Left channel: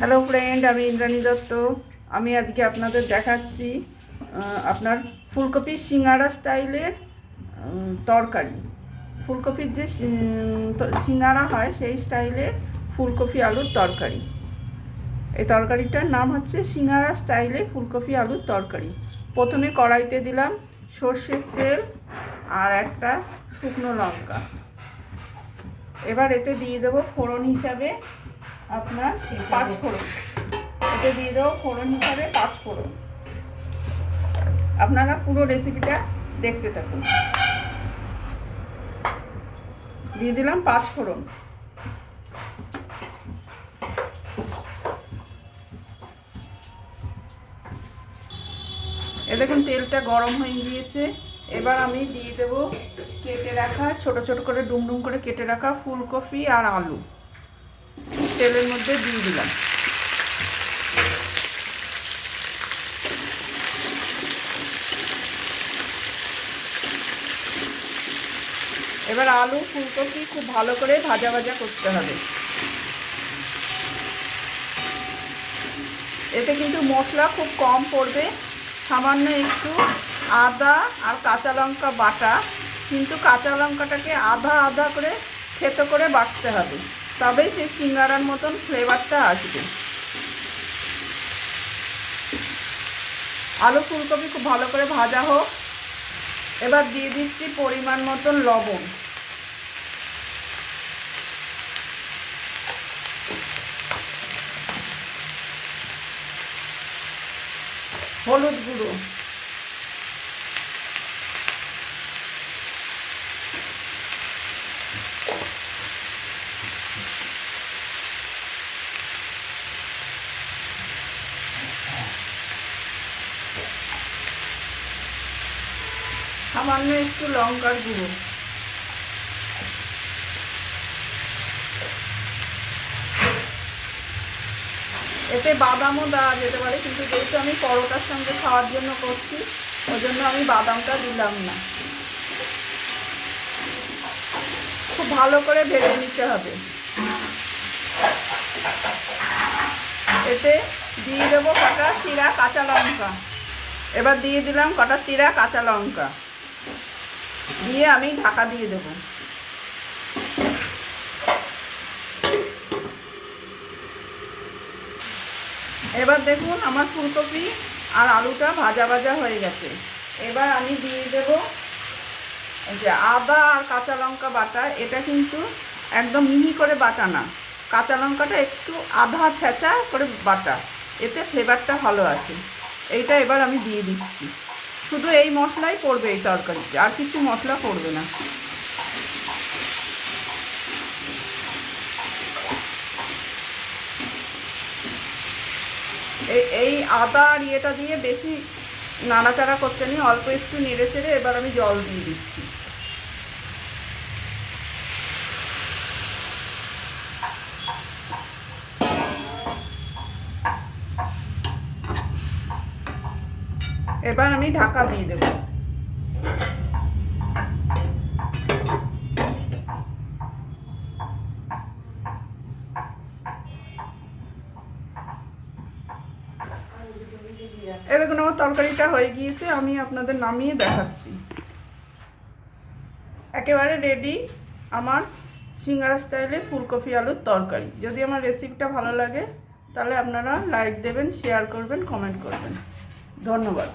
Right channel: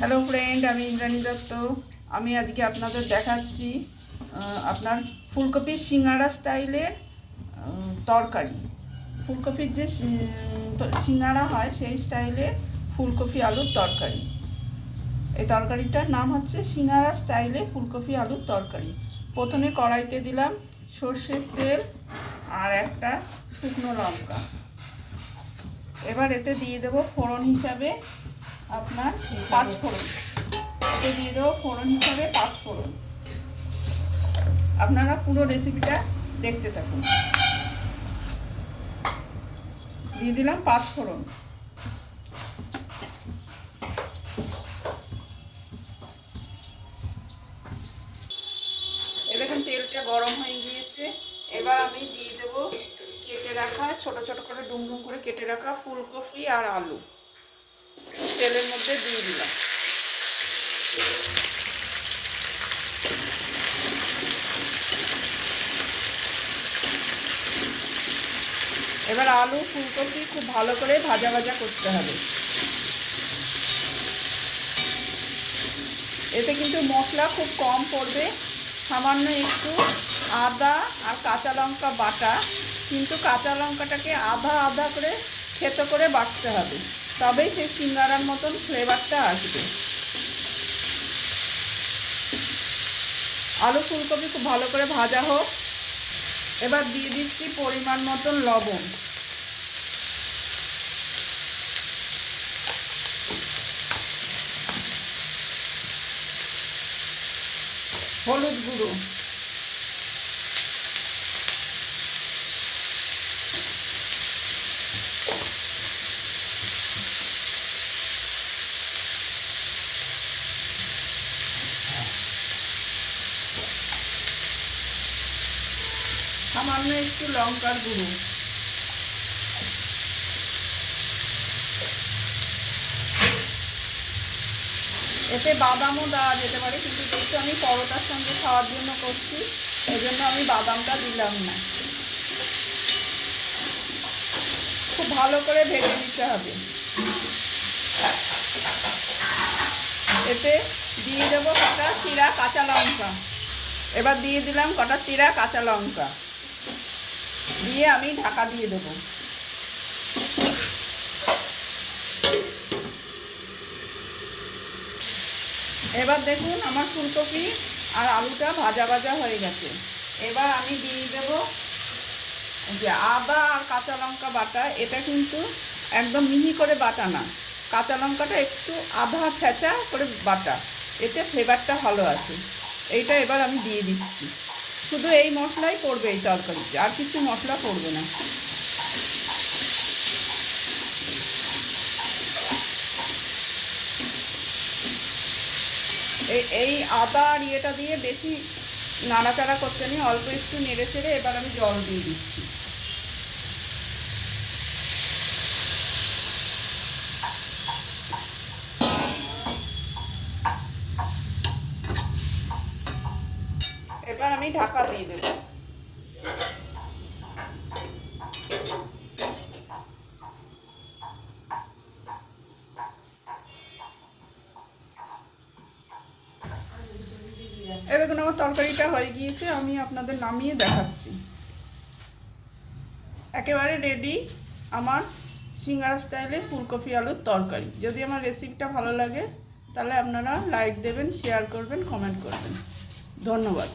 Hello friend, আমি ইন্দ্রাণী দত্ত। আমি আজকে আপনাদের দেখাচ্ছি আপনার ফুলকপির সিঙ্গারা স্টাইলের তরকারি। ফুলকপির যে সিঙ্গারা হয় সেই স্টাইলে ফুলকপি আলুর তরকারি। এই তরকারিটার নাম হচ্ছে সিঙ্গারা স্টাইলে ফুলকপি আলুর তরকারি। প্রথমে কড়াইতে দিলাম সর্ষের তেল আর একটা শুকনো লঙ্কা। এবার এতে দিয়ে দেবো ফোড়ন হিসাবে আপনার 5 ফোড়ন। এতে দিয়ে দেবো ফোড়ন হিসাবে 5 ফোড়ন। আপনারা পুরো রেসিপিটা দেখতে থাকুন। দিয়ে দিলাম 5 ফোড়ন। এ দেখুন তেলটা গরম হয়ে গিয়েছে। এবার আমি দিয়ে দেবো কেটে রাখা ছোট ছোট করে ডুমডুম করে কেটে রাখা ফুলকপি আর আলু তেলের মধ্যে দিয়ে দিলাম। এবার আলু ফুলকপি খুব ভালো করে ভাজা ভাজা করতে হবে। এতে কিন্তু মশলা খুব কম পড়বে, সামান্য একটু আদা আর কাঁচা লঙ্কা বাটা, কিন্তু কাঁচা লঙ্কাটাকে আধা আধা করে থেতো করে বাটতে হবে, তবেই সেই সিঙ্গারার মতন ফ্লেভারটা আসবে। আলু ফুলকপি খুব ভালো করে ভাজা হোক। এবার দিয়ে দিচ্ছি পরিমাণ মতন লবণ, হলুদ গুঁড়ো, সামান্য একটু লঙ্কার গুঁড়ো, এতে বাদামও দেওয়া যেতে পারে, কিন্তু যেহেতু আমি পরোটার সঙ্গে খাওয়ার জন্য করছি ওই জন্য আমি বাদামটা দিলাম না। খুব ভালো করে ভেজে নিতে হবে। এতে দিয়ে দেবো কটা চিরা কাঁচা লঙ্কা। এবার দিয়ে দিলাম কটা চিরা কাঁচা লঙ্কা, দিয়ে আমি ঢাকা দিয়ে দেবো। এবার দেখুন আমার ফুলকপি আর আলুটা ভাজা ভাজা হয়ে গেছে। এবার আমি দিয়ে দেবো যে আদা আর কাঁচা লঙ্কা বাটা। এটা কিন্তু একদম মিহি করে বাটা না, কাঁচা লঙ্কাটা একটু আধা ছেঁচা করে বাটা, এতে ফ্লেভারটা ভালো আসে। এইটা এবার আমি দিয়ে দিচ্ছি। শুধু এই মশলাই পড়বে এই তরকারিতে, আর কিছু মশলা পড়বে না। এই আদা আর ইয়েটা দিয়ে বেশি নাড়াচাড়া করতে নেই, অল্প একটু নেড়ে চেড়ে এবার আমি জল দিয়ে দিচ্ছি। এবার আমি ঢাকা দিয়ে দেব। এই দেখুন আমার তরকারিটা হয়ে গিয়েছে, আমি আপনাদের নামিয়ে দেখাচ্ছি। একেবারে রেডি আমার সিঙ্গারা স্টাইলে ফুলকপি আলুর তরকারি। যদি আমার রেসিপিটা ভালো লাগে তাহলে আপনারা লাইক দেবেন, শেয়ার করবেন, কমেন্ট করবেন। ধন্যবাদ।